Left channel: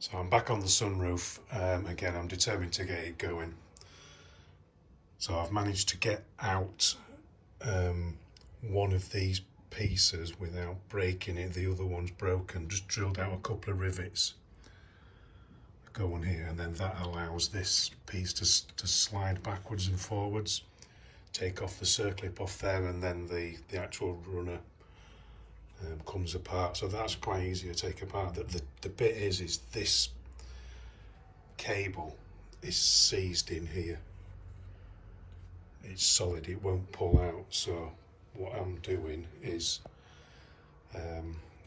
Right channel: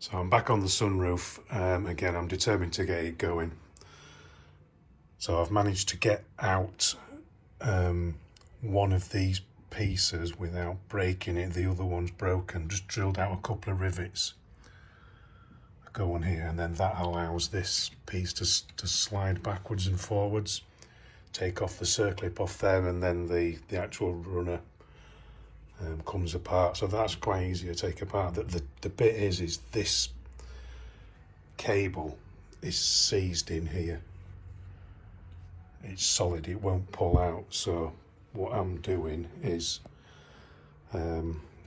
So I'm back on the sunroof. Again, I'm determined to get it going. So I've managed to get out one of these pieces without breaking it. The other one's broken. Just drilled out a couple of rivets that go on here, and then that allows this piece to slide backwards and forwards. Take off the circlip off there, and then the actual runner comes apart. So that's quite easy to take apart. The bit is this cable is seized in here. It's solid, it won't pull out. So what I'm doing is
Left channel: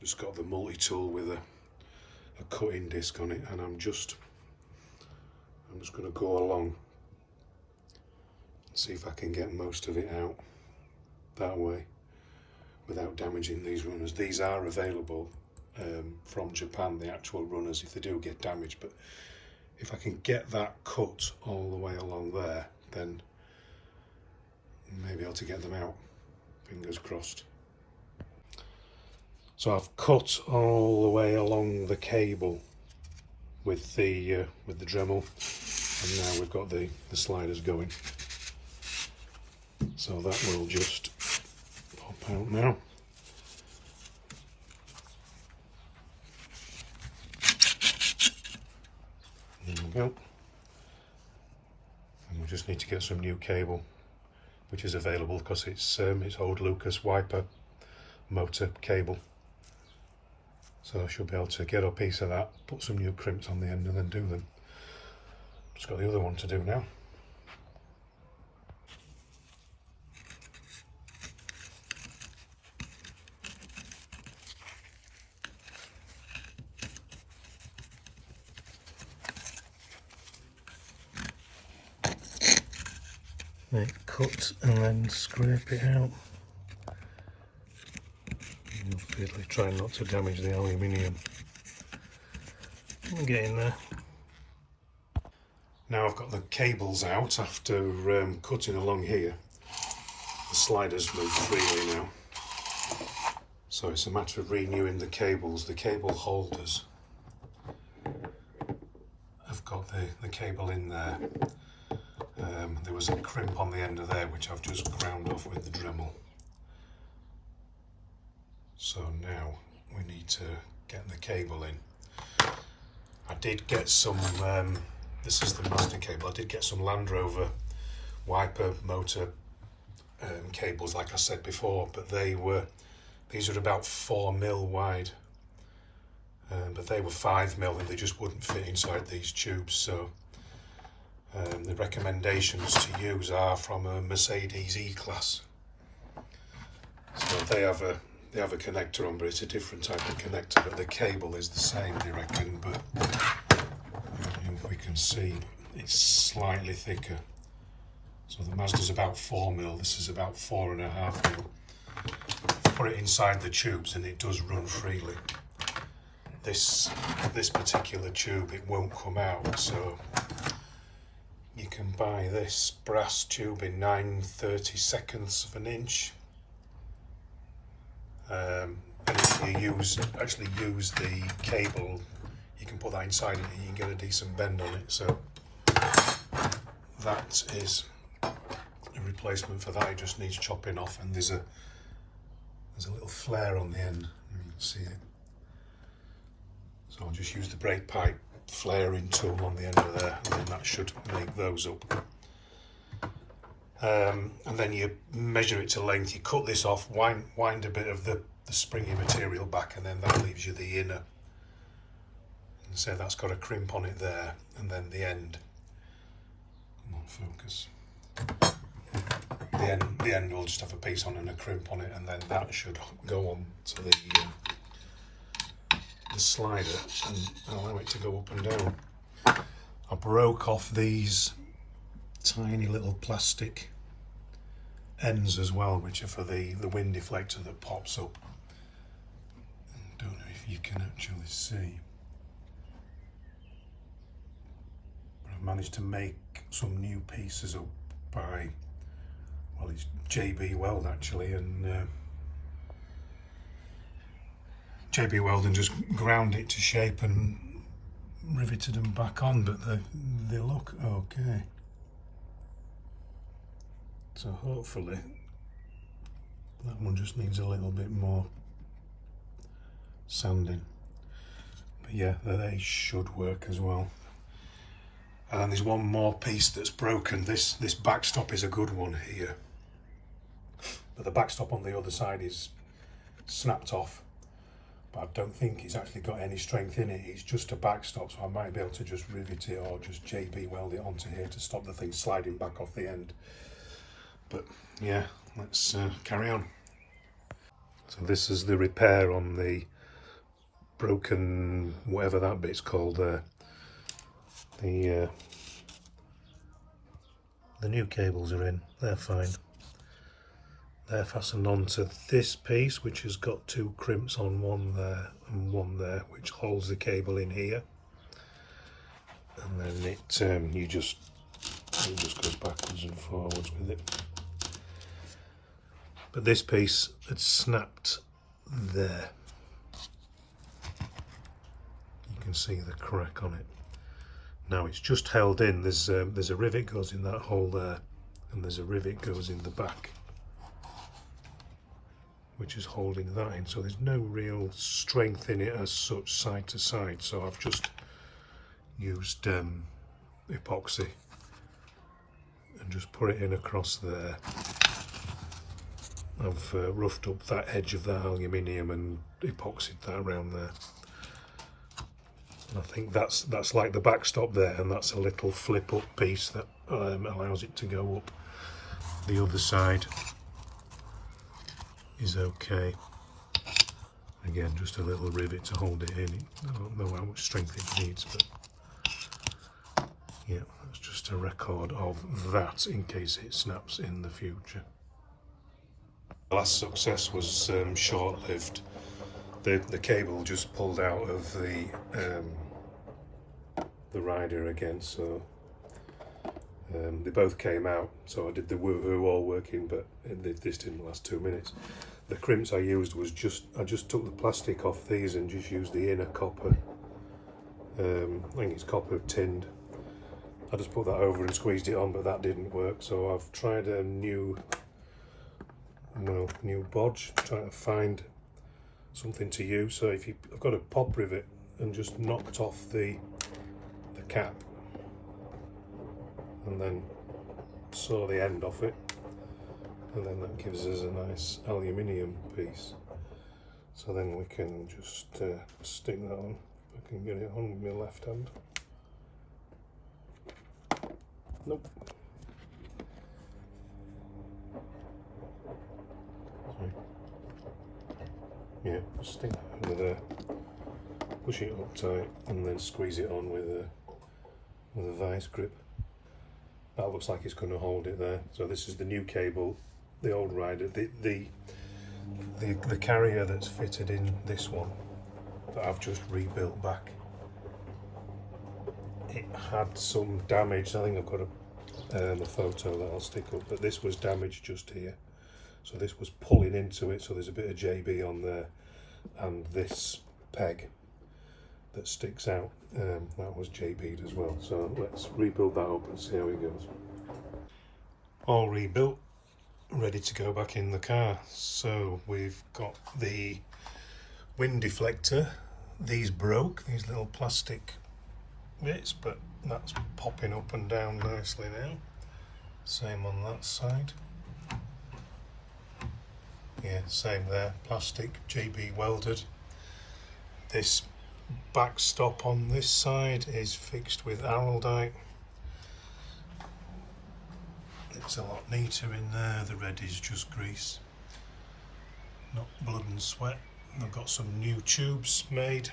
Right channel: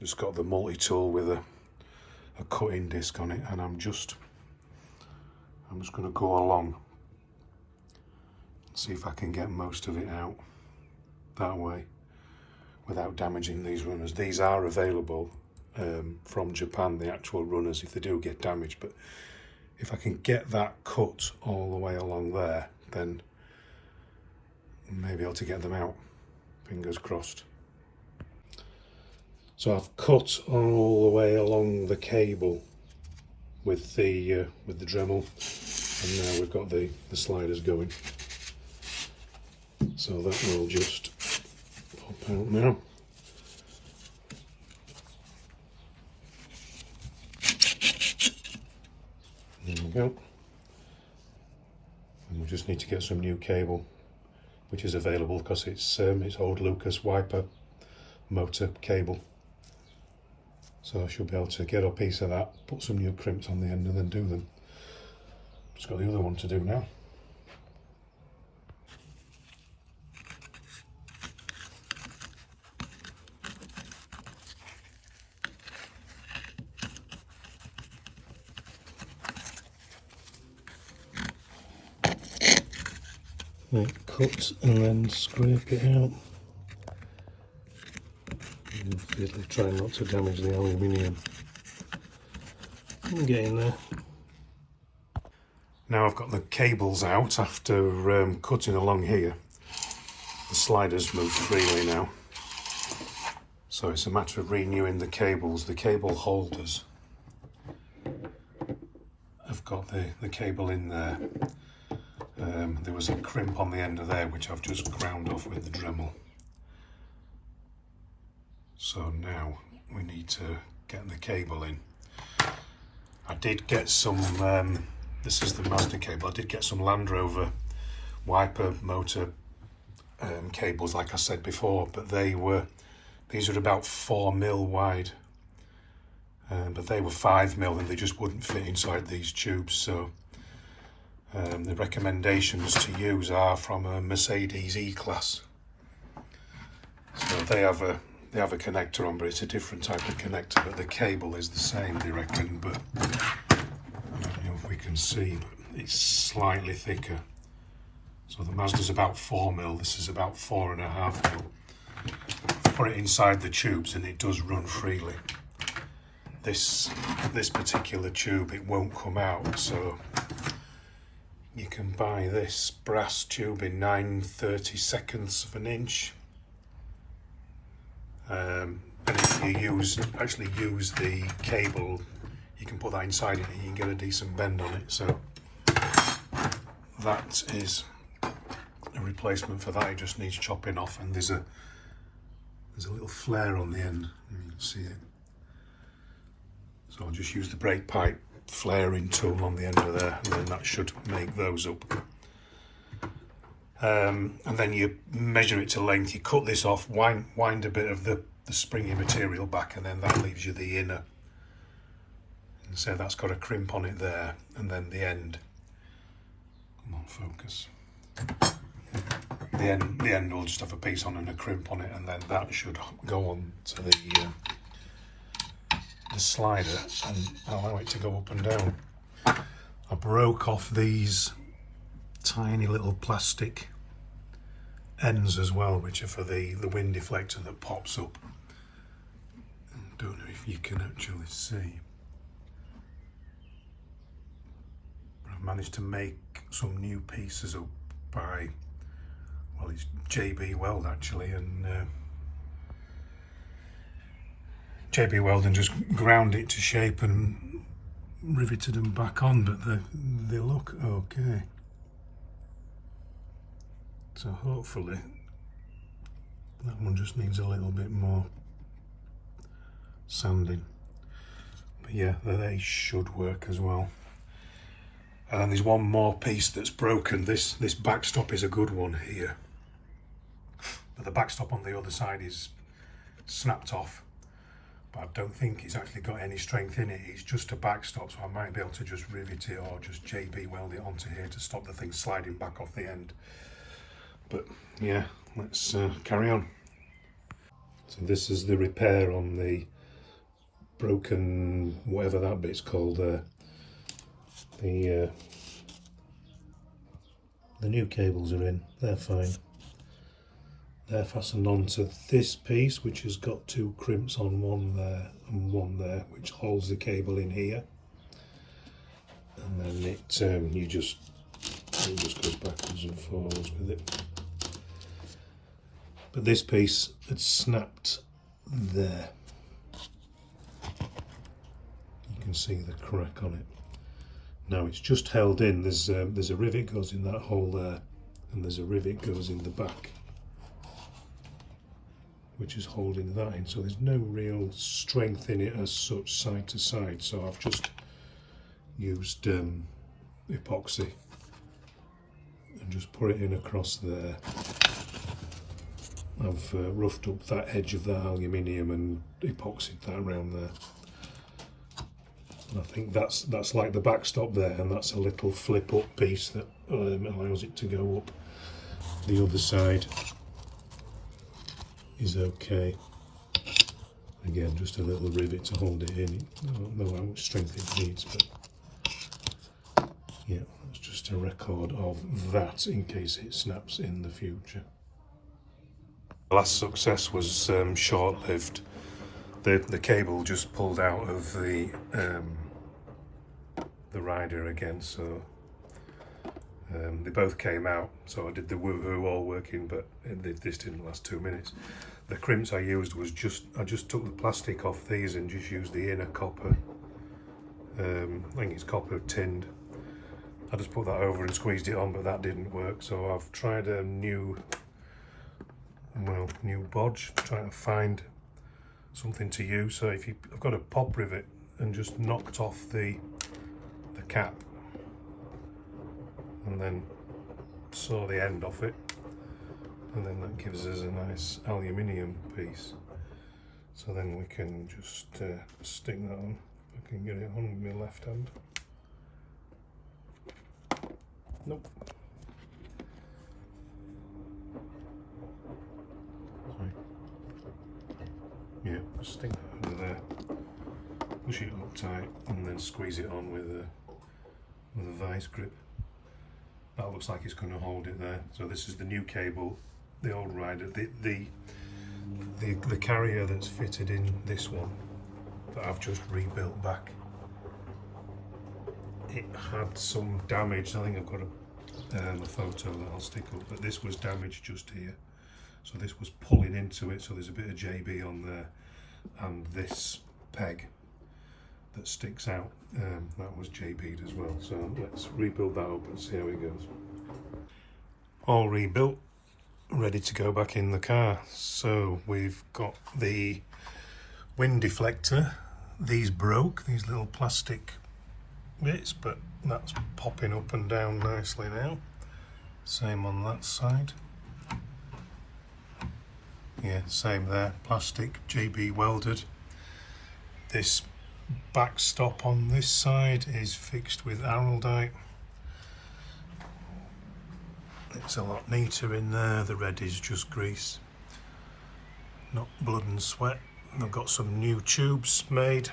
just got the multi-tool with a cutting disc on it, and I'm just going to go along and see if I can get most of it out that way without damaging these runners. These are available from Japan, the actual runners, if they do get damaged. But if I can get that cut all the way along there, then maybe able to get them out. Fingers crossed. So I've cut all the way along the cable with the Dremel, and now we've got the sliders going. So that will just pop out now. There we go. And we just need to get some new cable, which is available because it's old Lucas wiper motor cable. So I should be able to get a piece of that, put some new crimps on the end, and then do them. Just got the other one to do now. Right, cut and then scrape it out. Obviously try not to damage the aluminium. I'm getting there. Now I've got the cables out after cutting along here. The sliders move freely now. So it's a matter of renewing the cables. The cable holders have got the cable in there. There was a crimp on the end of there, which I've just ground off with the Dremel. So now we need to get the cable in. I did get some, this is the Mazda cable, I did get some Land Rover wiper motor cables, like I said before, but these are about 4mm wide, but they were 5mm and they just wouldn't fit inside these tubes. So the recommendations to use are from a Mercedes E-Class. So they have a connector on, but it's a different type of connector, but the cable is the same, they reckon. But I don't know if we can see, but it's slightly thicker. So the Mazda's about 4mm, this is about 4.5mm. Put it inside the tubes and it does run freely. This particular tube, it won't come out, so you can buy this brass tube in 9/32 of an inch. And if you actually use the cable, you can put that inside it and you can get a decent bend on it. So that is a replacement for that. It just needs chopping off, and there's a little flare on the end, you can see it. So I'll just use the brake pipe flaring tool on the end of there, and then that should make those up. And then you measure it to length, you cut this off, wind a bit of the springy material back, and then that leaves you the inner. And so that's got a crimp on it there, and then the end, come on, focus. The end will just have a piece on and a crimp on it, and then that should go on to the slider and allow it to go up and down. I broke off these tiny little plastic ends as well, which are for the wind deflector that pops up. I don't know if you can actually see, but I've managed to make some new pieces up by, well, it's JB Weld actually, and JB Weld, and just ground it to shape and riveted them back on, but they look okay. So hopefully that one just needs a little bit more sanding. But yeah, they should work as well. And there's one more piece that's broken. This backstop is a good one here, but the backstop on the other side is snapped off. But I don't think it's actually got any strength in it. It's just a backstop, so I might be able to just rivet it or just JB weld it onto here to stop the thing sliding back off the end. But yeah, let's carry on. So this is the repair on the broken, whatever that bit's called there. The new cables are in, they're fine. They're fastened onto this piece, which has got two crimps on, one there and one there, which holds the cable in here. And then it just goes backwards and forwards with it. But this piece had snapped there. You can see the crack on it. Now it's just held in. There's a rivet goes in that hole there, and there's a rivet goes in the back, which is holding that in. So there's no real strength in it as such, side to side. So I've just used epoxy and just put it in across there. I've roughed up that edge of that aluminium and epoxied that around there. And I think that's like the backstop there, and that's a little flip up piece that allows it to go up. The other side is okay. Again, just a little rivet to hold it in. I don't know how much strength it needs, but yeah, that's just a record of that in case it snaps in the future. The last success was short-lived. The cable just pulled out of the rider again, so they both came out. So I did the woohoo all working, but this didn't last 2 minutes. The crimps I used was I just took the plastic off these and just used the inner copper. I think it's copper tinned. I just put that over and squeezed it on, but that didn't work. So I've tried a new bodge, trying to find something to use. So I've got a pop rivet and just knocked off the cap and then saw the end off it, and then that gives us a nice aluminium piece. So then we can just stick that on. If I can get it on with my left hand. Nope. Sorry. Yeah, just stick that over there, push it up tight, and then squeeze it on with a vice grip. That looks like it's going to hold it there. So this is the new cable, the old rider, the carrier that's fitted in this one that I've just rebuilt back. It had some damage. I think I've got a photo that I'll stick up, but this was damaged just here. So this was pulling into it, so there's a bit of JB on there, and this peg that sticks out, that was JB'd as well. So let's rebuild that up and see how it goes. All rebuilt, ready to go back in the car. So we've got the wind deflector. These broke, these little plastic bits, but that's popping up and down nicely now. Same on that side. Yeah, same there, plastic, JB welded. This backstop on this side is fixed with araldite. It's a lot neater in there. The red is just grease, not blood and sweat. I've got some new tubes made,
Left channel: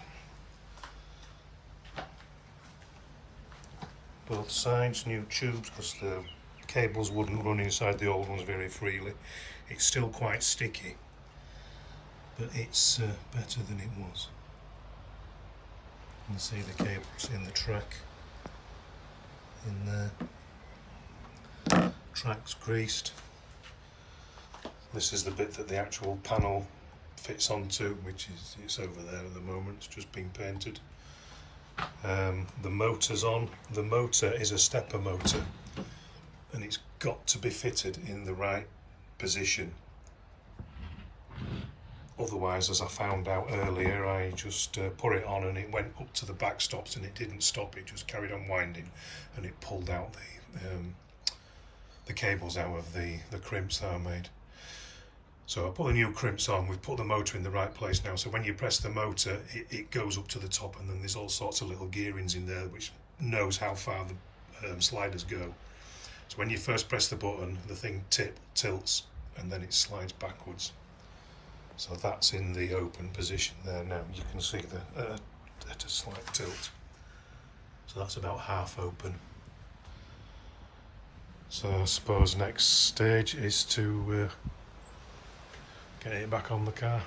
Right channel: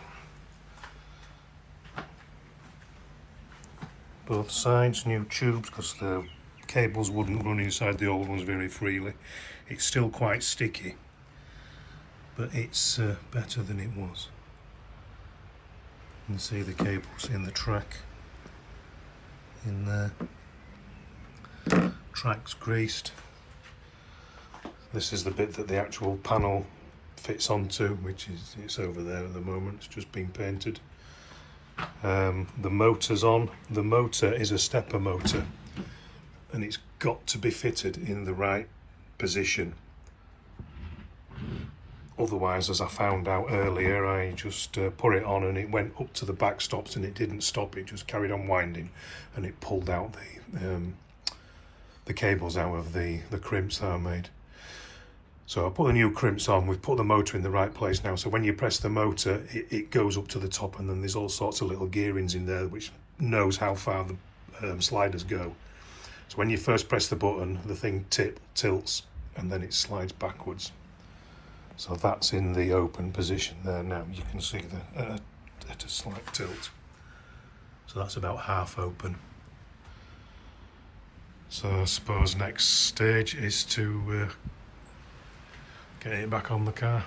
both sides, new tubes, because the cables wouldn't run inside the old ones very freely. It's still quite sticky, but it's better than it was. You can see the cables in the track in there. Track's greased. This is the bit that the actual panel fits onto, which is, it's over there at the moment, it's just been painted. The motor's on. The motor is a stepper motor and it's got to be fitted in the right position. Otherwise, as I found out earlier, I just put it on and it went up to the back stops and it didn't stop. It just carried on winding and it pulled out the cables out of the crimps that I made. So I put the new crimps on. We've put the motor in the right place now. So when you press the motor, it goes up to the top, and then there's all sorts of little gearings in there which knows how far the sliders go. So when you first press the button, the thing tilts and then it slides backwards. So that's in the open position there now. You can see at a slight tilt. So that's about half open. So I suppose next stage is to get it back on the car.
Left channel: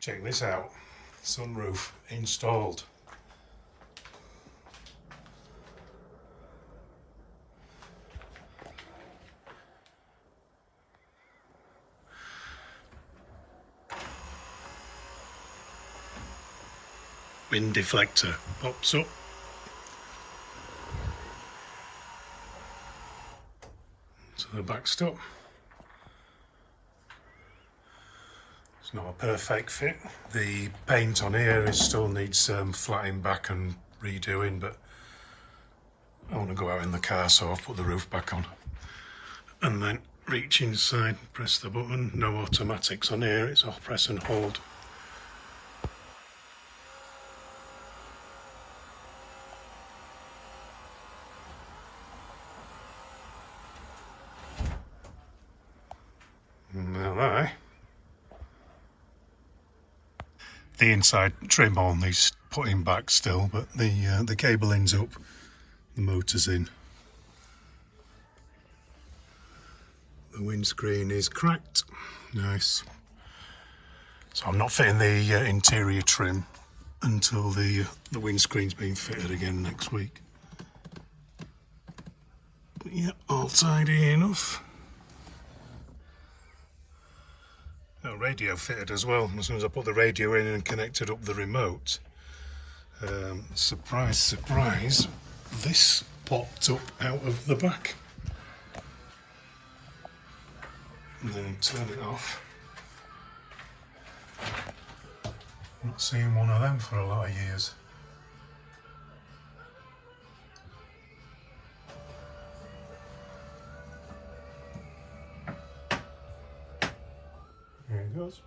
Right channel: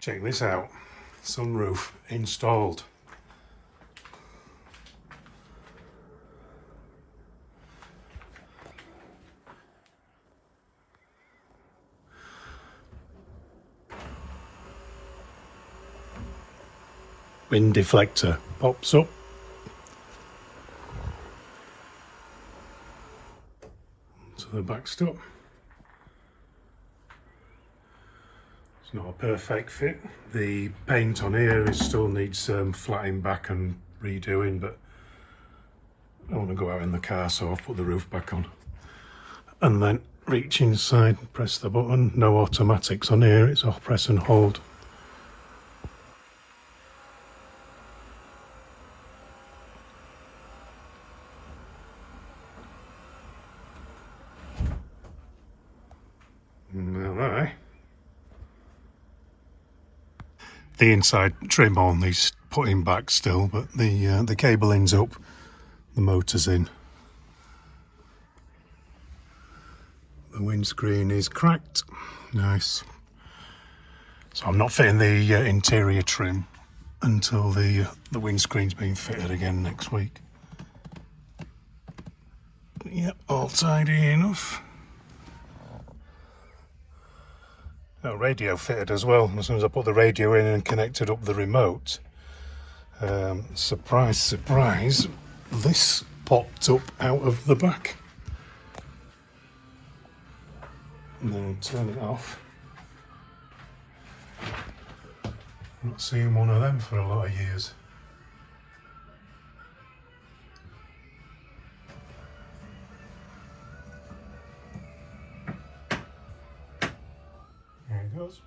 Check this out, sunroof installed. Wind deflector pops up. To the backstop. It's not a perfect fit. The paint on here still needs flattening back and redoing, but I want to go out in the car, so I've put the roof back on. And then reach inside, press the button. No automatics on here, it's off press and hold. Now the inside trim on needs putting back still, but the cabling's up, the motor's in. The windscreen is cracked, nice. So I'm not fitting the interior trim until the windscreen's been fitted again next week. Yep, all tidy enough. No, radio fitted as well. As soon as I put the radio in and connected up the remote, surprise, surprise, this popped up out of the back. And then turn it off. I'm not seeing one of them for a lot of years. There it goes.